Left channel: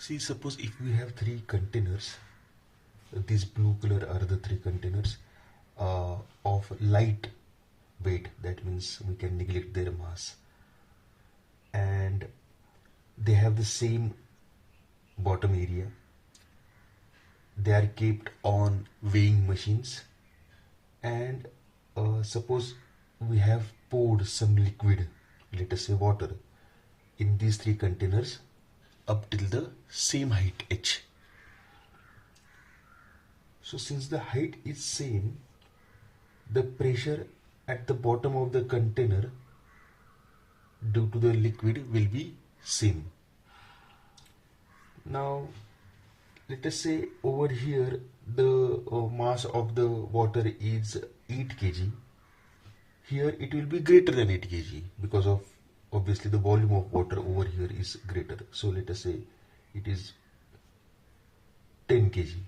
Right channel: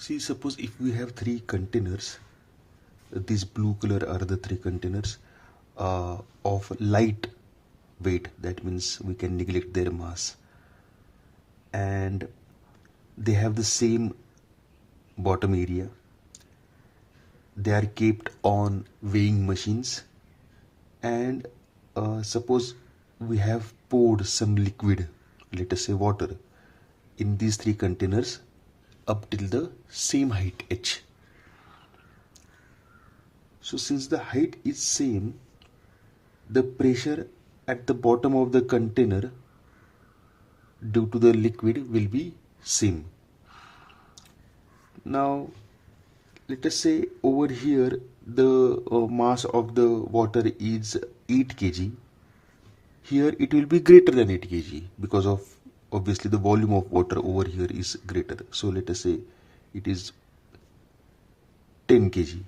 See, suppose if we have three containers, these blue color are the three containers of light weight, that means we can neglect their mass, and they have the same bottom area. They are kept on weighing machines, and suppose we have poured some liquid, let us say water, in these three containers up till the same height h. So since the height is same, the pressure at the bottom of the container due to the liquid will be same. Now let us say over here the mass of the water is 8 kg. Here it will be greater than 8 kg because of obviously the volume of water over here is greater. So let us say it is 10 kg,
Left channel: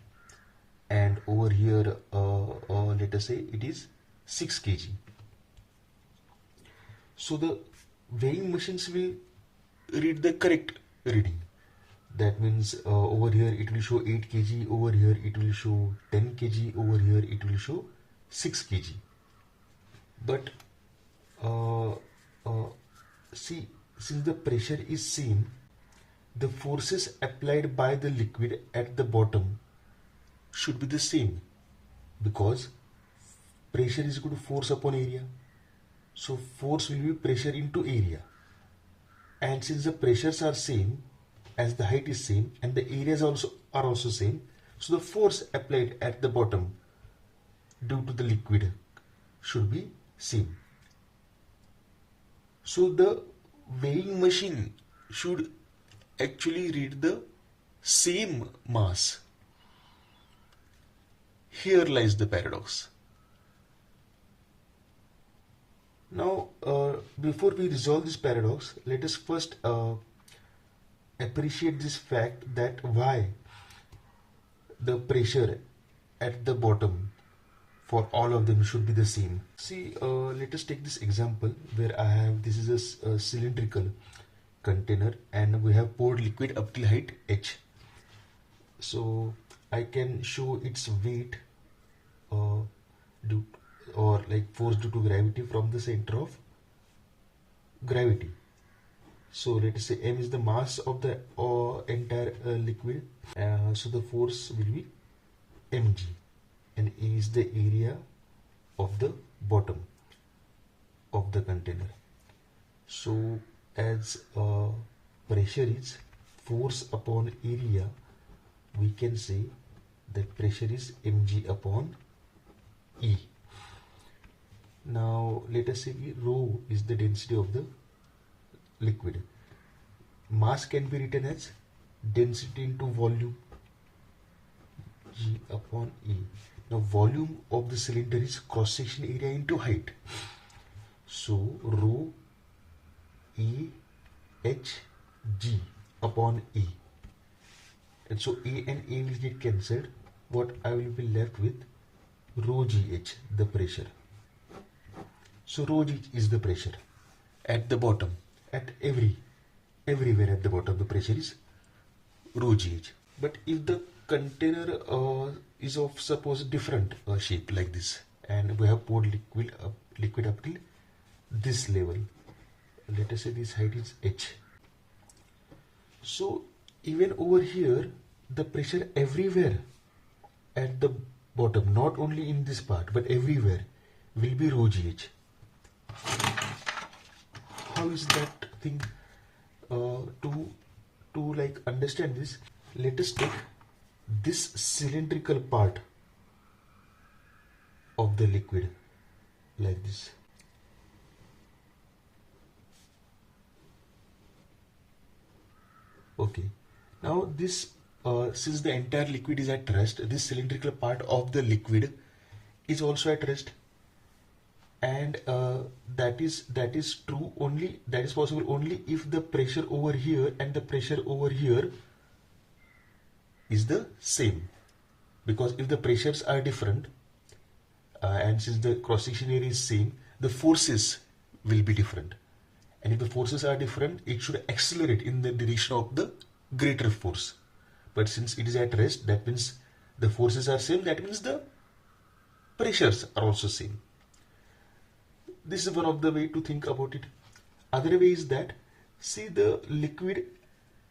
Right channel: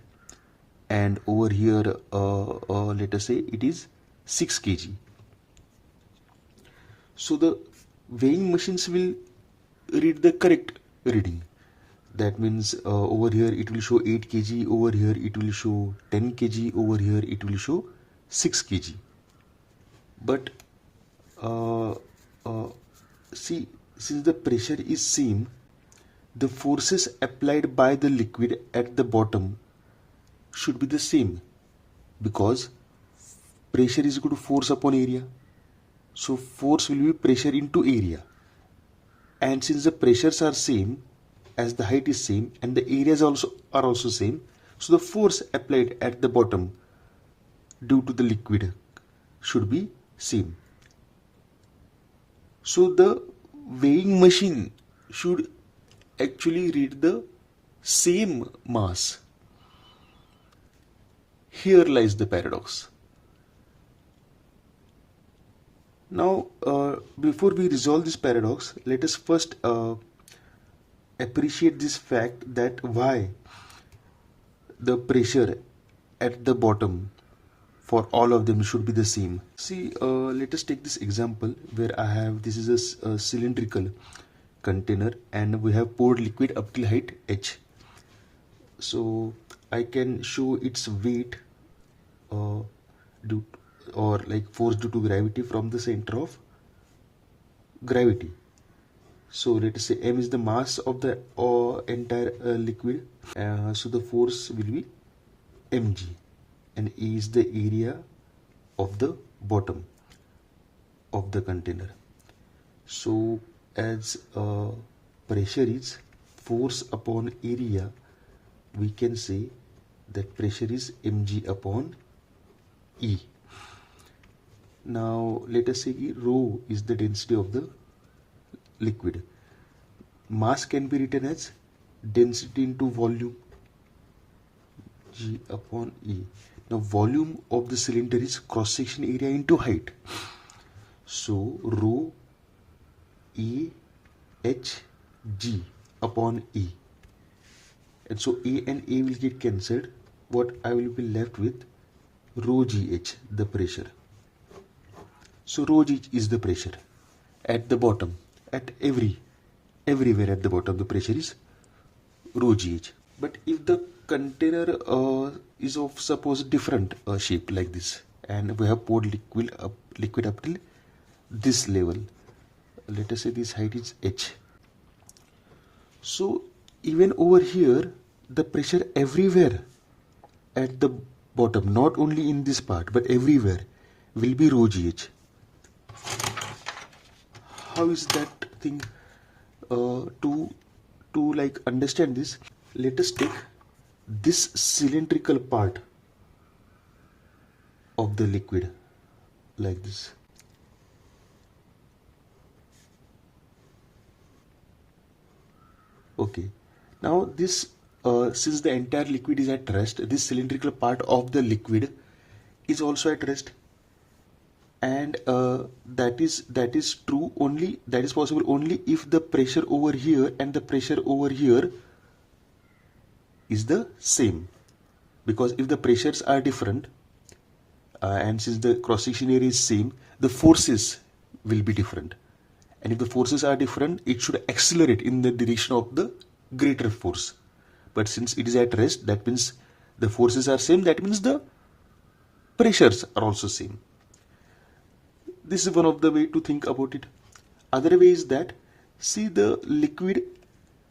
and over here let us say it is 6 kg. So the weighing machines will read the correct reading. That means over here it will show 8 kg, over here it will show 10 kg, over here it will show 6 kg. But see, since the pressure is same, the forces applied by the liquid at the bottom should be the same, because pressure is equal to force upon area. So force will be pressure into area, and since the pressures are same, as the height is same and the areas are also same, so the force applied at the bottom due to the liquid should be same. So the weighing machine should actually read the same mass. Here lies the paradox. Now before we resolve this paradox, let us first appreciate this fact that why the pressure at the bottom for all of them should be the same. See, let us take this example where I have, this is a cylindrical container and we have poured liquid up till height h. So I can show its weight force due to gravity from the center of gravity. So let us say m is the mass of the entire liquid, so the force will be mg, and E is the area of the bottom of the container. So as pressure is force upon area, we can say that pressure is mg upon E. Now let us say rho is the density of the liquid. Mass can be written as density into volume, G upon E. Now volume of the cylinder is cross section area into height. So rho E H G upon E. And so A and A will get cancelled. What I will be left with, rho GH, the pressure. So rho G is the pressure at the bottom, at everywhere at the bottom the pressure is rho GH. But if the container is of suppose different shape like this, and we have poured liquid up till this level, let us say this height is h. So even over here the pressure everywhere at the bottom, not only in this part but everywhere, will be rho GH. How is that thing? To like understand this, let us take this cylindrical part of the liquid like this. Okay, now this since the entire liquid is at rest, this cylindrical part of the liquid is also at rest, and that is true only, that is possible only if the pressure over here and the pressure over here is the same. Because if the pressures are different and since the cross section area is same, the forces will be different, and if the forces are different, it should accelerate in the direction of the greater force. but since it is at rest, that means the forces are same, that means the pressures are also same. This is one of the way to think about it. Other way is that, see, the liquid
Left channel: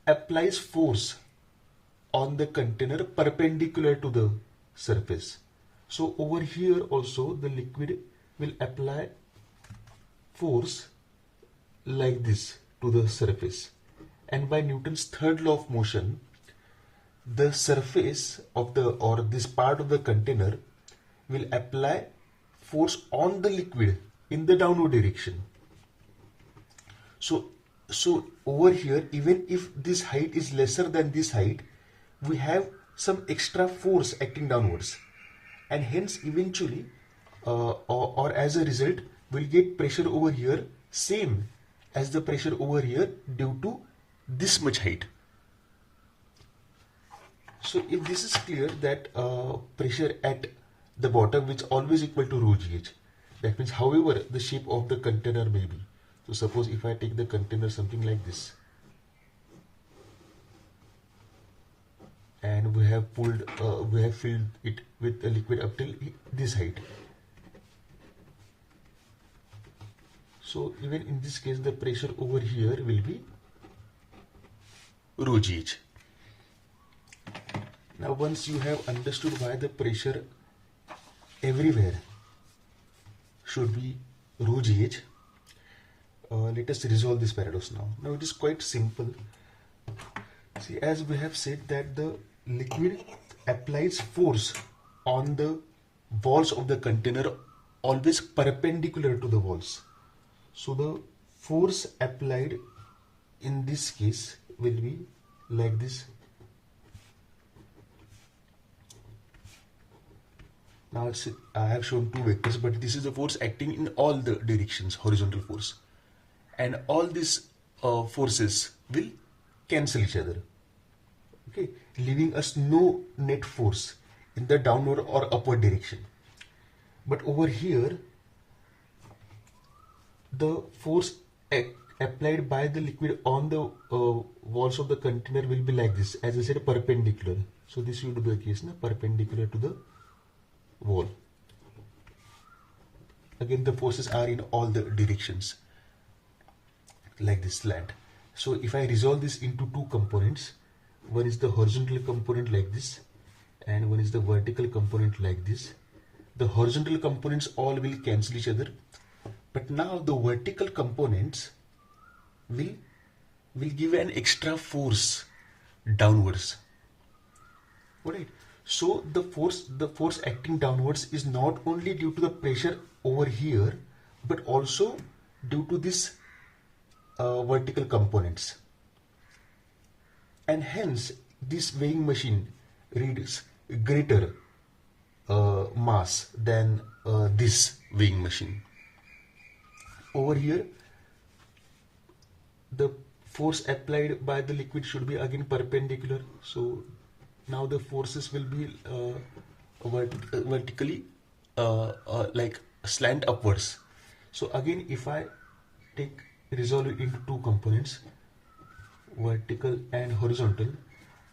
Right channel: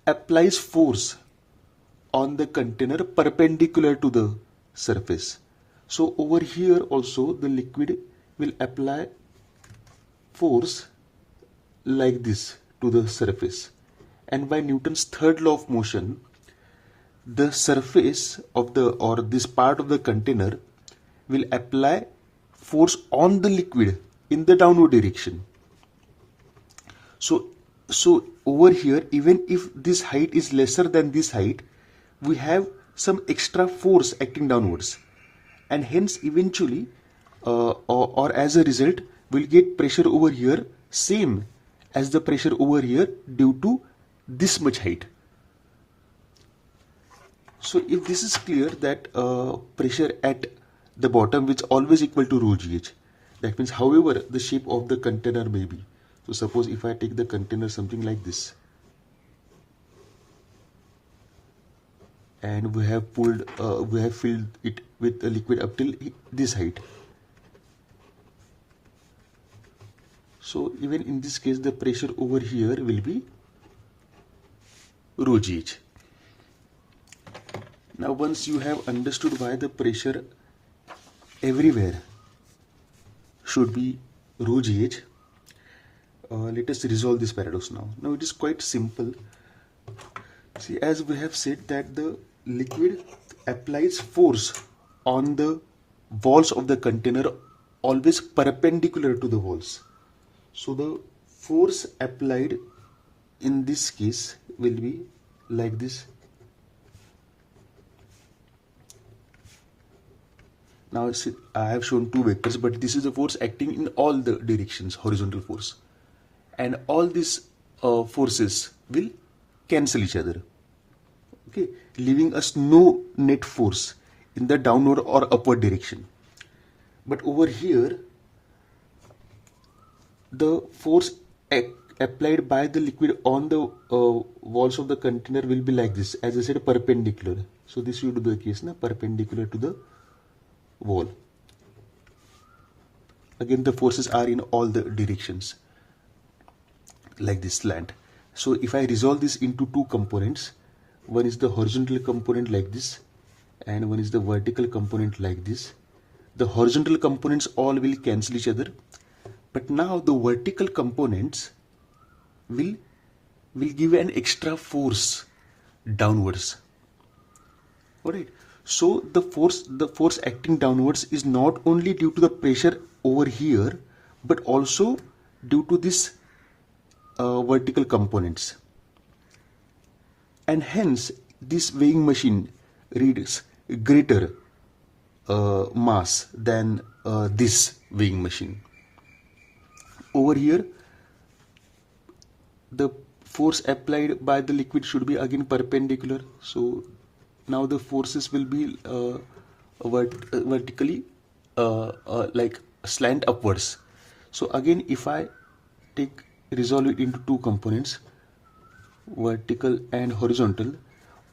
applies force on the container perpendicular to the surface. So over here also the liquid will apply force like this to the surface, and by Newton's third law of motion, the surface of the, or this part of the container, will apply force on the liquid in the downward direction. So over here, even if this height is lesser than this height, we have some extra force acting downwards, and hence eventually or as a result we'll get pressure over here same as the pressure over here due to this much height. So if this is clear, that pressure at the bottom is always equal to rho gh, that means however the shape of the container may be. So suppose if I take the container something like this, and we have filled it with a liquid up till this height. So even in this case, the pressure over here will be rho gh. Now once you have understood why the pressure everywhere should be rho gh, let us resolve this paradox now. Now it is quite simple. See, as we have said that the liquid applies force on the walls of the container always perpendicular to the walls. So the force applied in this case will be like this. Now I have shown two vectors, but this is the force acting in all the directions, horizontal force. And all these forces will cancel each other. Okay, leaving us no net force in the downward or upward direction. But over here, the force applied by the liquid on the walls of the container will be like this, as I said, perpendicular. So this would be the case, na, perpendicular to the wall. Again, the forces are in all the directions, like this slant. So if I resolve this into two components, one is the horizontal component like this, and one is the vertical component like this. The horizontal components all will cancel each other, but now the vertical components will give an extra force downwards. Alright. So the force acting downwards is not only due to the pressure over here, but also due to this vertical components. And hence this weighing machine reads greater mass than this weighing machine. Over here, the force applied by the liquid should be again perpendicular. So now the forces will be vertically like slant upwards. So again, if I resolve it into two components, vertical and horizontal,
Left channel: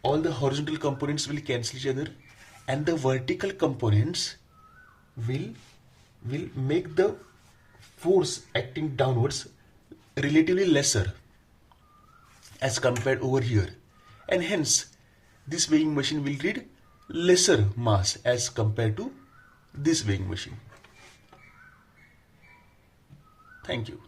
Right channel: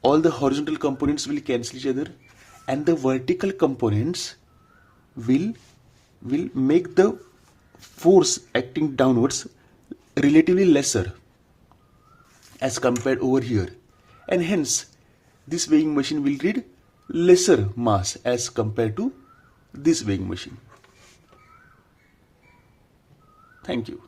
all the horizontal components will cancel each other, and the vertical components will make the force acting downwards relatively lesser as compared over here, and hence this weighing machine will read lesser mass as compared to this weighing machine. Thank you.